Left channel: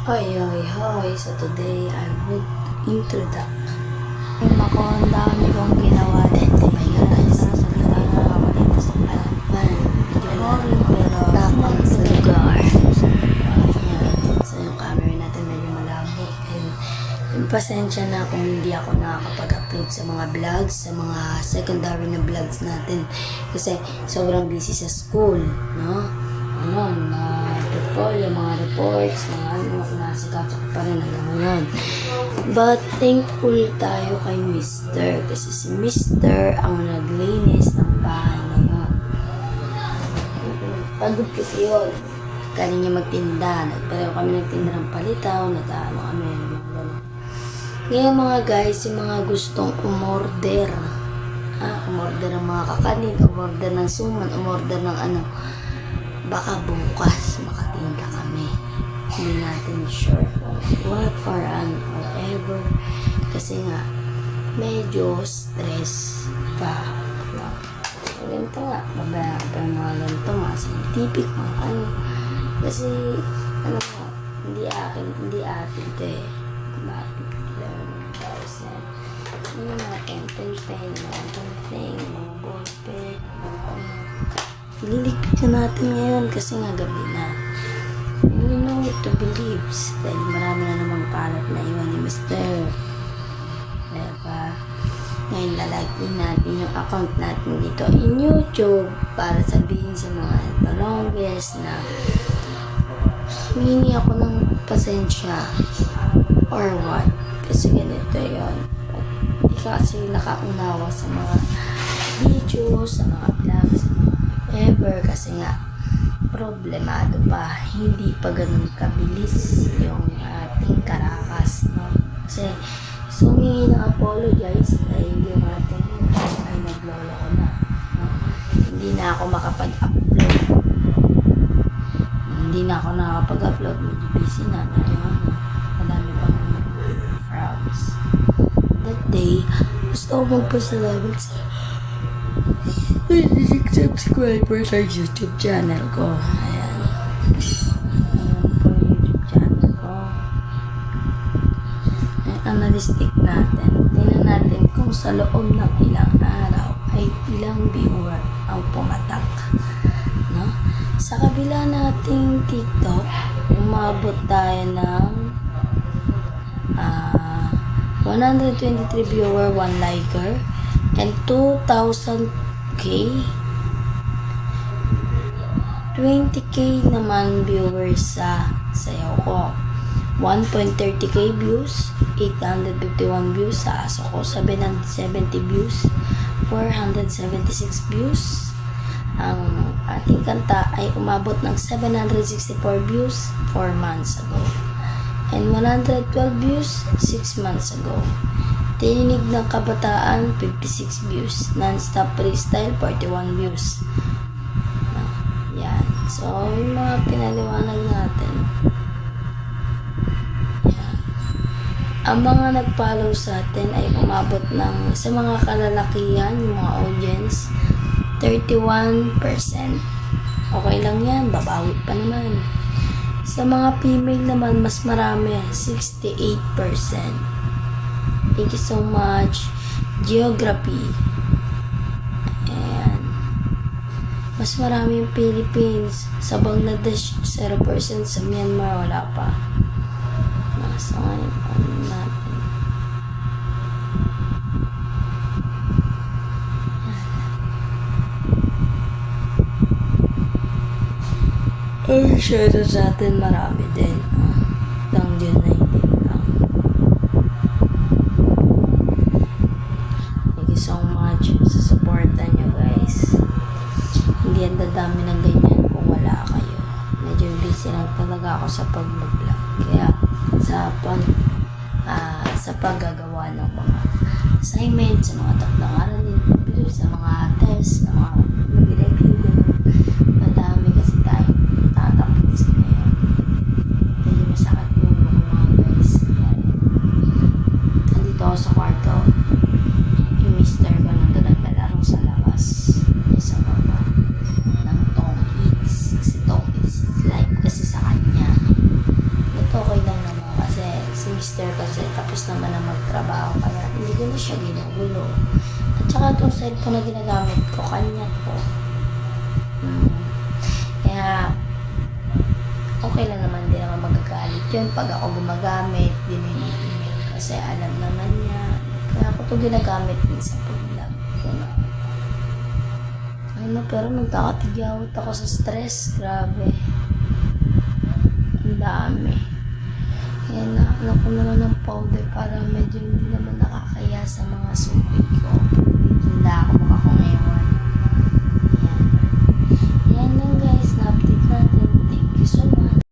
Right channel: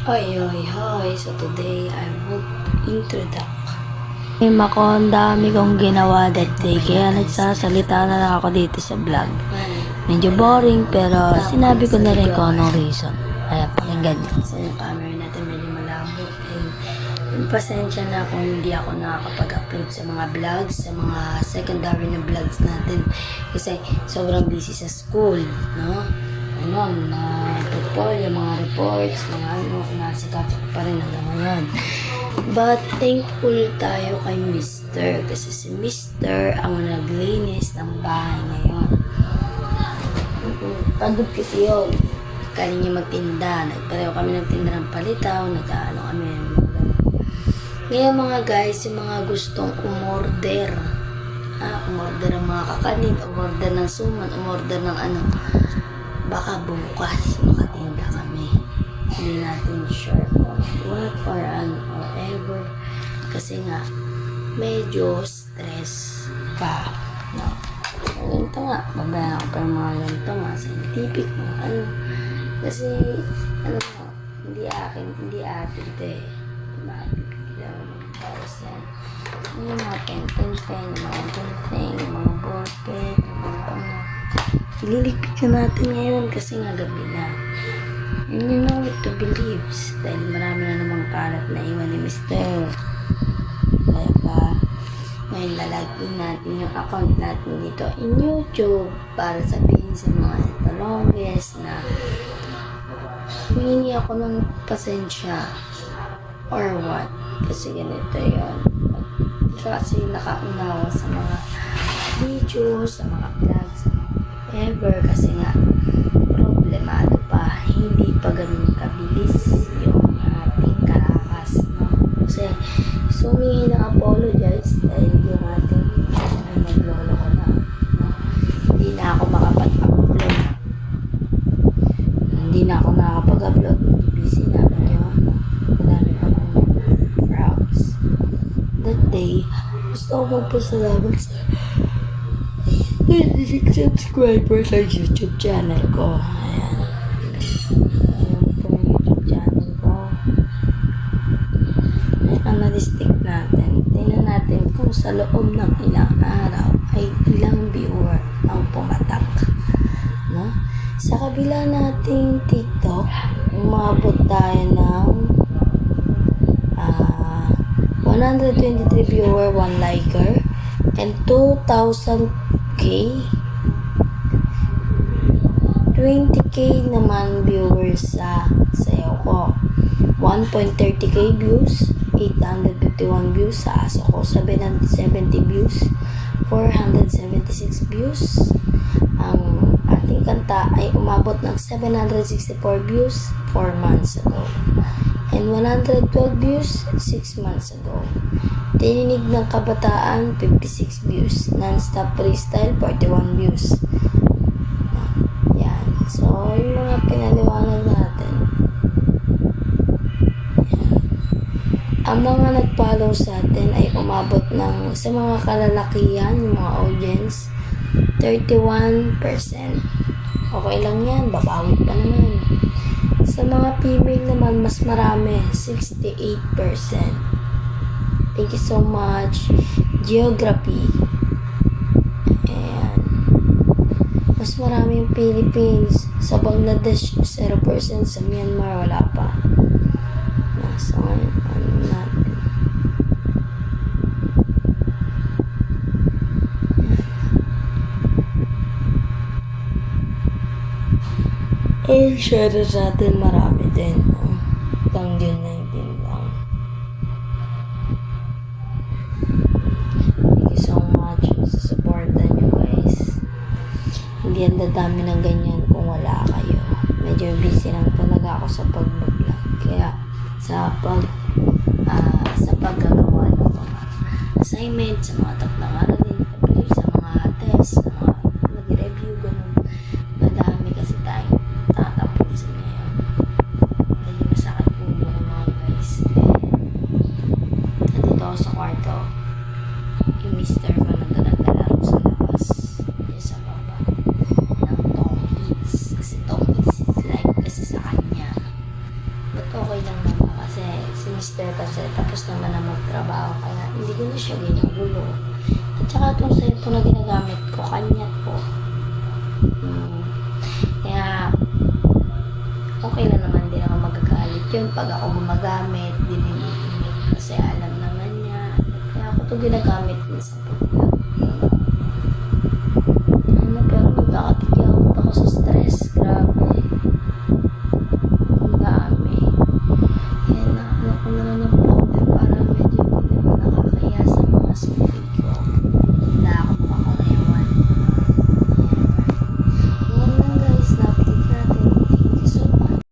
Hoy, hoy, hoy. So today, I would introduce. Ako, ang dami kong ginawa that day. Kaya nagsasalita na lang ako dito sa vlog. Medyo boring, pero sinabi ko na rin kung anong reason. Ayan, pakinggan nyo. So yung camera natin medyo malabo. And pasensya na kung hindi ako nakakapag-upload sa mga vlogs, sa mga secondary na vlogs natin. Kasi sobrang busy sa school, no? Yung mga reports, mga nasikaso ko pa rin hanggang ngayon. But thankful tayo kay Mr. Kasi si Mr. ang naglinis ng bahay ngayon. Pagod kasi yun. Kaya niya magtinda. Pareho kami nagtinda ng palitaw. Kami. Ngayon mga guys, yung mga gustong umorder. Umorder ng mga kakanin, umorder ng suman, umorder ng baka bukas makatinda kami. Hindi natin sure what or ever. Kasi nga, medyo stress pa. No? Ganito nga, babayan ko pa yung mga ganito, mga scientific, mga Kasi, hindi atin ito eh. Mga 50%. Yung mga pen, mga ballpen, ililigpit na natin ngayon kasi nga gabi na. And you know what to believe. Dahil marami na namang kalat na iwan ni Mr. Diba? Ngayon lalagin natin yung account natin dito in YouTube para sabihin sa mga the longest na humingi ako ng pasensya or what. Kasi ganito yun. Hindi kasi nakaunawa sa mga videos, sa mga vlogs, sa mga ever kasi nga problemado pa, hindi pa ganun kabilis yung ating karakas, no? Kasi humingi ng apologize dahil yung ating ay naglolo ko na, no? Hindi na ako makapag-upload, busy na medyo madami pang frowns that day. Gusto ko magpasalamat sa 26 subscribers sa YouTube channel ko. Ayan po yung YouTube channel ko. Ito na stick natin. Tingnan natin kung sa loob ng ilang araw ay ilang viewer ang pumatak, no? Sa kabila nating TikTok, umabot tayo ng 123 viewer, 1 liker, and 2,000 20k naman viewers sa sayaw ko. 1.30k views, 851 views sa aso ko, 770 views, 476 views. Ang ating kanta ay umabot ng 764 views 4 months ago, and 112 views 6 months ago. Tinig ng kabataan, 56 views. Non-stop freestyle, 41 views. Yan. So, yung mga pinaliwanag natin. Yan. Ang mga nag-follow sa atin ay umabot ng, sa mga kalalakihan, yung mga audience, 31%. Okay lang yan, babawi pa naman. Sa mga female naman, mas marami, 68%. Thank you so much. Geography. Ayan. Mas marami yung Philippines. Sa Bangladesh, 0%. Sa Myanmar, wala pa. So, ngayon, natin. Ay, share sa atin marami din. Lang yun na hindi lang. Sa supportan nyo guys. Hindi ang dadami ng ganyan kung wala kayo. Medyo busy lang talaga ako sa pag-vlog. Kaya sa paggagawa ng mga assignment, sa mga takdang aralin, sa mga test, sa mga nag-review, madami kasi tayong tatapos ngayon. Medyo masakit ulo ko mga guys. Nandito ako sa kwarto. Yung Mr. ko nandun naglalaro sa labas. Yung sa baba ng Tong Eats. Kasi Tong Eats is like kasi sa kanya. But okay lang mister kasi tapos naman na magtrabaho kaya hindi ko na siya ginugulo. At saka itong cellphone na ginagamit ko, kanya po. Kaya okay lang naman, din naman magagalit yun pag ako gumagamit, dinilipimit kasi alam naman niya. Kaya ako ito ginagamit din sa pag-vlog. Pero nagkakatigyawat ako sa stress, grabe. Ang dami. Kaya na, ano ko na lang ng